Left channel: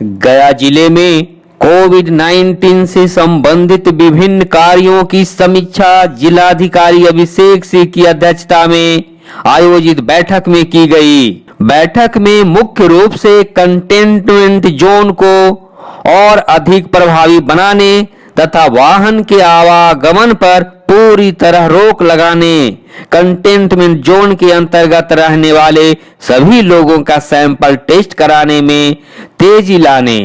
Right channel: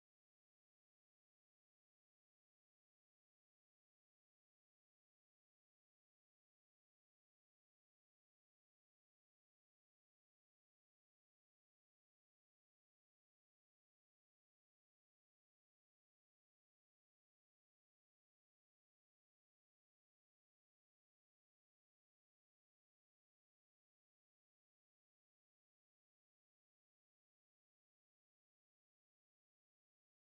गया जिले में कोविड-19 से संबंधित विभिन्न कार्यों की समीक्षा जिलाधिकारी अभिषेक सिंह की अध्यक्षता में आयोजित बैठक में की गई। बैठक में मुख्य रूप से कंटेनमेंट जोन को और अधिक प्रभावी बनाने तथा वाहन के आवागमन पर पूरी तरह रोक लगाने, कंटेनमेंट जोन के अंतर्गत रहने वाले सभी लोगों का सैंपल टेस्ट कराने में तेजी लाने,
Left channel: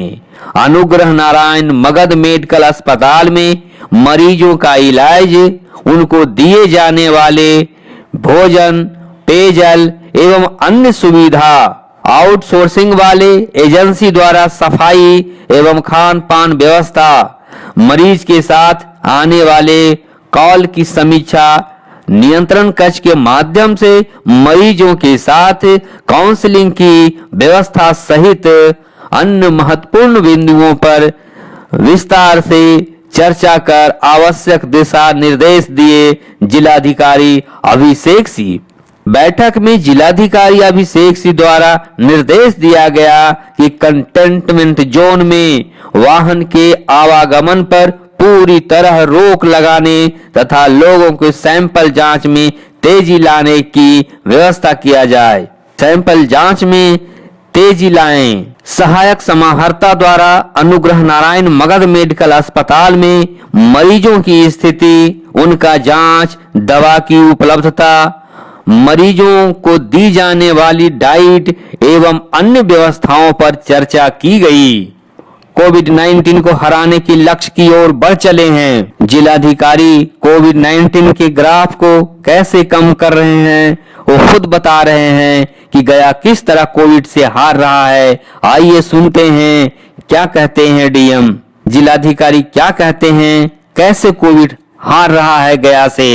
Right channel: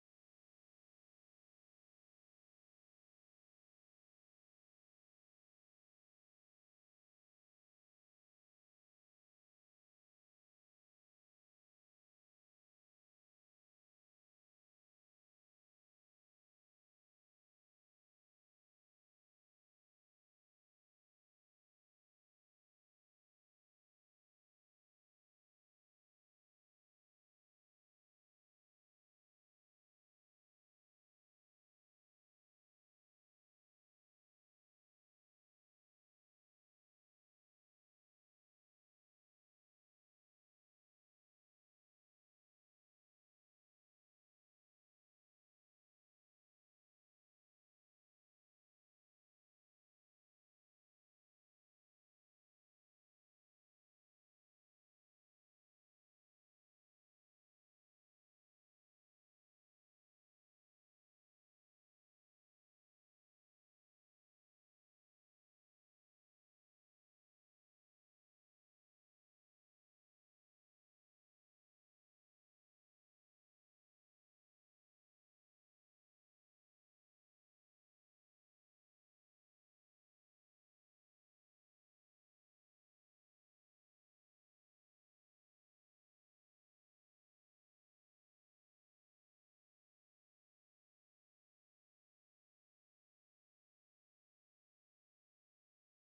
अनुग्रह नारायण मगध मेडिकल अस्पताल में मरीजों का इलाज, उनको दिए जाने वाले भोजन, पेयजल एवं अन्य सुविधा, आउटसोर्सिंग वाले एजेंसी द्वारा सफाई एवं खान पान व्यवस्था, मरीज के साथ आने वाले कॉल की समीक्षा, नियंत्रण कक्ष के माध्यम से मरीजों के साथ काउंसलिंग की व्यवस्था सहित अन्य महत्वपूर्ण बिंदुओं पर विस्तार से चर्चा कर आवश्यक दिशा निर्देश दिए जिलाधिकारी अभिषेक सिंह। बैठक में जिलाधिकारी अभिषेक सिंह द्वारा निर्देश दिया गया कि कंटेनमेंट जोन में वाहन के आवागमन पर पूरी तरह रोक लगाने तथा लोगों के सैंपल जांच में तेजी लाने की व्यवस्था किया जाए। सैंपल जांच में तेजी लाएं। सहायक समाहर्ता द्वारा अनुग्रह नारायण मगध मेडिकल अस्पताल में मरीजों की स्थिति, उनका जांच, दवा की उपलब्धता, मरीजों को दी जाने वाली डाइट एवं अन्य व्यवस्थाओं पर चर्चा की गई। कोविड-19 को हराने के लक्ष्य की ओर बढ़ चले हैं। जिलाधिकारी कोविड-19 के ग्राफ को कैसे कम कर रहे हैं वो खुद बता रहे हैं कि गया किस तरह कोविड से हार रहा है। आइए सुनते हैं क्या कहते हैं डीएम। जिलाधिकारी क्या कहते हैं, कैसे कोविड हार रहा है गया से।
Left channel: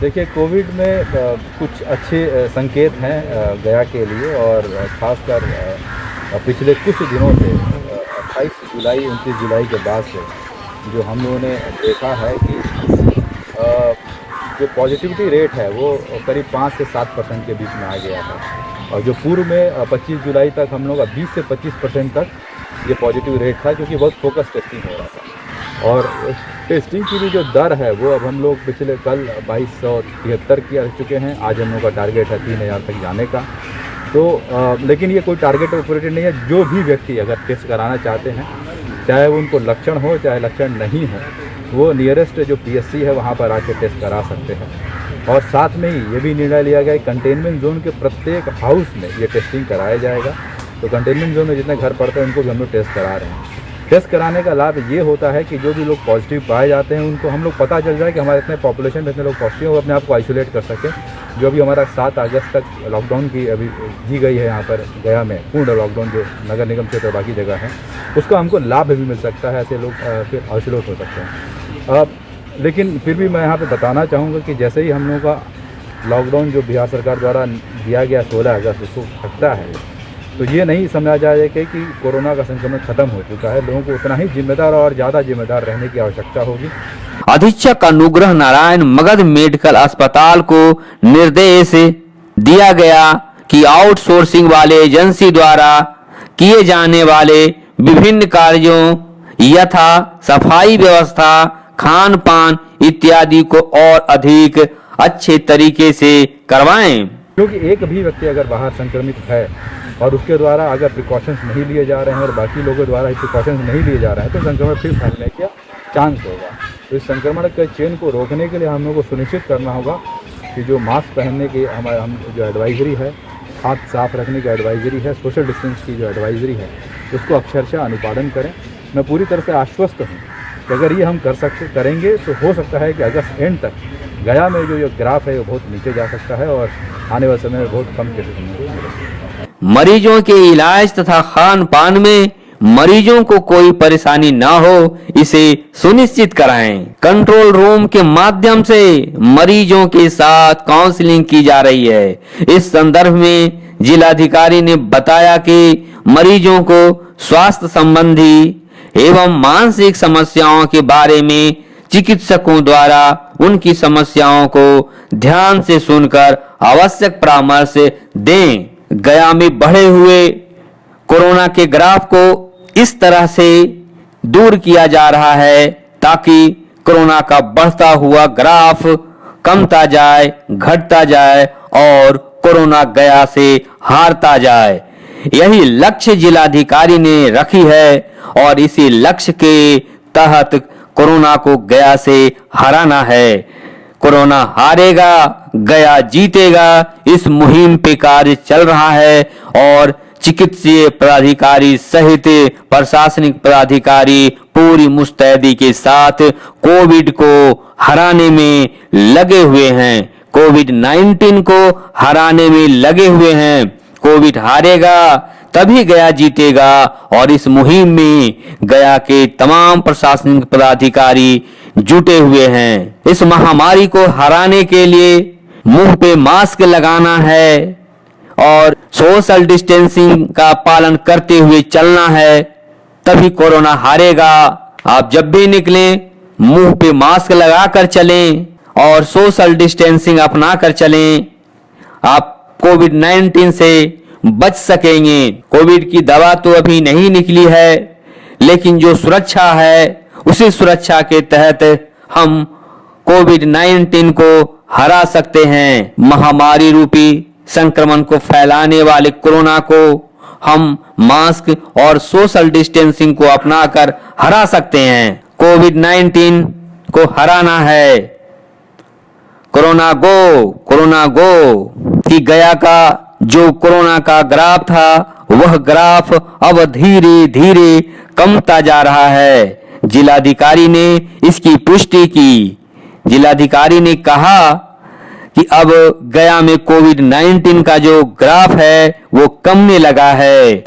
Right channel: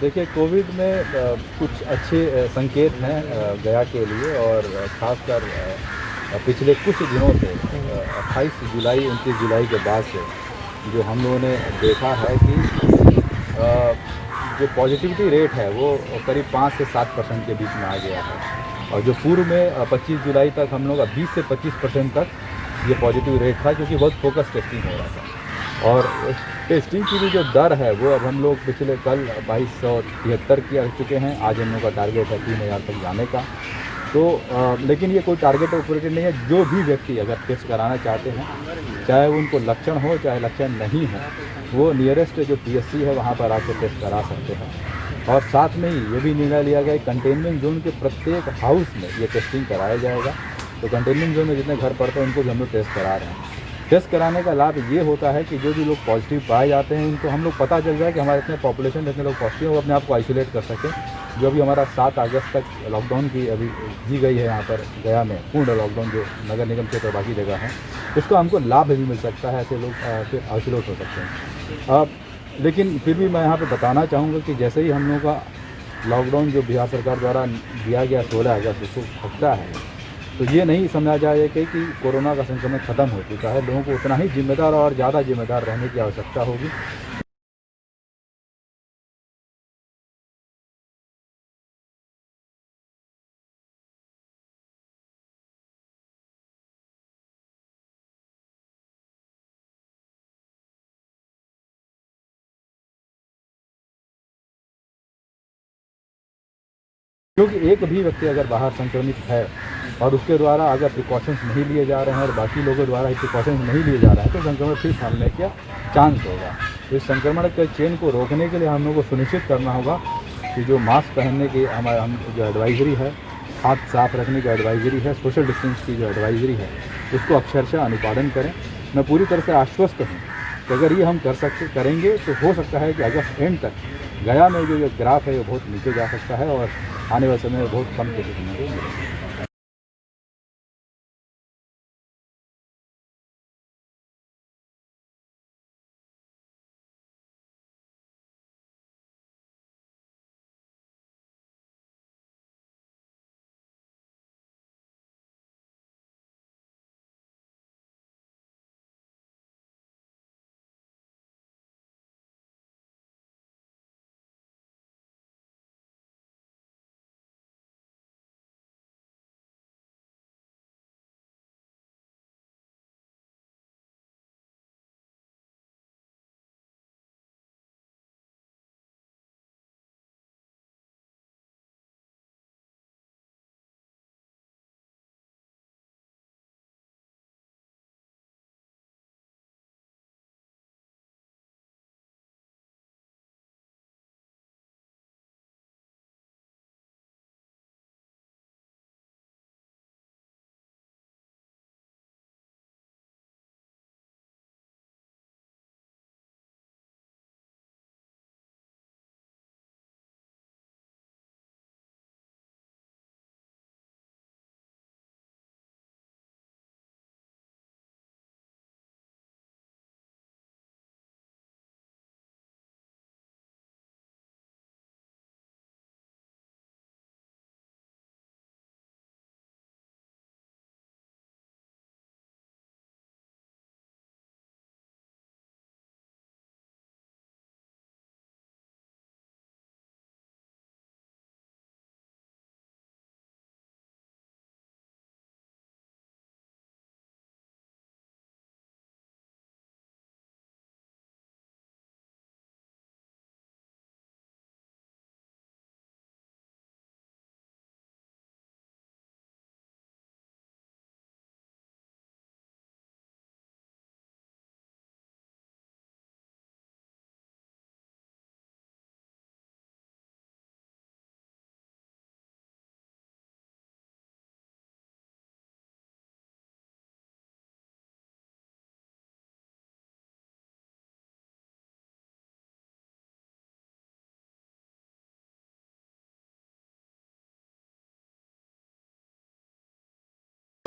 देखिए, कोविड में कुछ अच्छे संकेत हैं गया के लिए, और खासकर पिछले कुछ दिनों से 28 जुलाई 29 जुलाई के बाद से जो हम लोगों ने देखा है कि जो पॉजिटिविटी रेट है वो करीब 5 से 7% के बीच में आ गया है। और जो पूर्व में 25 जुलाई तक हम लोग 20 से 25% तक ये पॉजिटिव रेट था, क्योंकि बहुत फोकस टेस्टिंग हो रहा था। और टेस्टिंग की भी जो दर है वो अब हम लोग पिछले कल 2273 की रह चुके हैं। आज हम लोग का टारगेट है 3000 तक जाने का। तो लेकिन ये कोई टारगेट ऑपरेटेड नहीं है। जो भी व्यक्ति अगर टेस्ट कराना चाहते हैं, चाहे उनको लक्षण हो चाहे लक्षण नहीं हो, वो नियरेस्ट जो पीएससी है वहाँ पर आके टेस्ट करा सकते हैं। और साथ में ही ये भी निर्णय लिया गया है कंटेनमेंट जोन के प्रत्येक हाउस में ये टेस्टिंग कराया जाएगा। तो कंटेनमेंट जोन में जितने घर पड़ते हैं उनको भी हम लोग टेस्ट करा रहे हैं। टेस्ट कराने का लाभ ये होता है कि जो भी लोग पॉजिटिव पाए जाते हैं उनको हम लोग पता चल जाए कि हमारे इतने पॉपुलेशन में इतने लोग पॉजिटिव हो, अपने आप को आइसोलेट कर सकें। जो अभी हमारा 7 अगस्त तक लॉकडाउन की अभी दी गई है यहाँ पर गया में, पूर्ण लॉकडाउन जो नगर निगम क्षेत्र बाकी जगह है, उसका हमको लाभ भी मिल सकता है। ऐसे लोग फिर आइसोलेट हो सकते हैं। लेकिन फिर भी मैं यहाँ पर बताना चाहूँगा कि जैसे ही हम लोगों का लॉकडाउन जो बिहार सरकार द्वारा दिया गया 16 अगस्त उसको हटता है, तो ये नहीं समझा जाए कि कोरोना का संक्रमण खत्म हो चुका है। लोगों को उतना ही जिम्मेदार और ज़्यादा जिम्मेदार रहने की आवश्यकता होगी। अधीक्षक अनुग्रह नारायण मगध मेडिकल अस्पताल को निर्देश दिया गया कि आउटसोर्सिंग वाले एजेंसी द्वारा किए जाने वाले विभिन्न कार्यों यथा सफाई व्यवस्था, खान पान इत्यादि को और अधिक अच्छे तरीके से करवाएं। क्योंकि एक भी व्यक्ति अगर बाहर संक्रमित है और उसके द्वारा अगर प्रिकॉशंस नहीं लिए जा रहे हैं और बाकी लोगों द्वारा प्रिकॉशंस नहीं लिए जा रहे हैं, तो संक्रमण फिर फैलने का चांस होगा। तो इस संक्रमण के चेन को रोकने के लिए हम लोग को सुनिश्चित करना होगा कि जो मास्क पहनने की हम जो एडवाइजरी है, हाथ साफ रखने की एडवाइजरी है, सोशल डिस्टेंस की जो एडवाइजरी है, उसको अक्षरशः अनुपालन करें। मैं पूरी तरह से आश्वस्त हूँ कि अगर ये हम करेंगे तो हो सकता है कि अगस्त एंड तक गया में जो ग्राफ है वो बहुत नीचे जा सकता है और आने वाले समय में बहुत कम केसेस होंगे। मरीजों के इलाज तथा खान पान में मरीजों को कोई परेशानी ना हो, इसे सुनिश्चित कराएं। कंट्रोल रूम के माध्यम से मरीजों के साथ काउंसलिंग की जा रही है। इस संदर्भ में जिलाधिकारी ने बताया कि मरीजों को स्वास्थ्य संबंधी एवं मानसिक समस्याओं के बारे में चिकित्सकों द्वारा उनकी समस्याओं को ध्यान से सुनकर आवश्यक परामर्श दें। गया में बढ़े हुए कोरोना के ग्राफ को इस तरह से दूर किया जा रहा है ताकि कोरोना का बढ़ता हुआ ग्राफ कमता जाए, घटता जाए और कोरोना गया से हारता जाए। यही लक्ष्य जिलाधिकारी ने रखी है और इसी लक्ष्य के तहत कोरोना को गया से हराना है। कोरोना हारेगा, गया जीतेगा, इस मुहिम पे कार्य चल रहा है और चिकित्सीय पदाधिकारी सहित प्रशासनिक पदाधिकारी पूरी मुस्तैदी के साथ कोविड को हराने में लगे हुए हैं। कोविड-19 को हराने में लगे हुए हैं। कोविड हारेगा तभी गया जीतेगा और इस मुहिम में गया के तमाम प्रशासनिक पदाधिकारी जुटे हुए हैं। इस महामारी को हराने के लिए मुंह पे मास्क लगाना है और सोशल डिस्टेंसिंग का पालन करते हुए चलना है, तभी कोरोना हारेगा। आप जब भी निकलें मुंह पे मास्क लगाकर चलें और सोशल डिस्टेंसिंग अपना कर चलें। आप कोविड-19 से बच सकेंगे। कोविड की दवा तो अभी नहीं निकली है, लेकिन जो सुरक्षा है उसी सुरक्षा के तहत हम कोविड-19 को हरा सकते हैं। महामारी रूपी संक्रमण को फैलाने वाले कोरोना को हम मास्क और सोशल डिस्टेंसिंग को अपनाकर हरा सकते हैं। कोविड-19 को हराना है। कोरोना गो कि गया का जो कोरोना का ग्राफ था वह ग्राफ अब धीरे धीरे कमता जा रहा है। जिलाधिकारी ने इसकी पुष्टि की। जिलाधिकारी ने कहा कि अब गया में कोविड-19 का जो ग्राफ है वो कमने लगा है।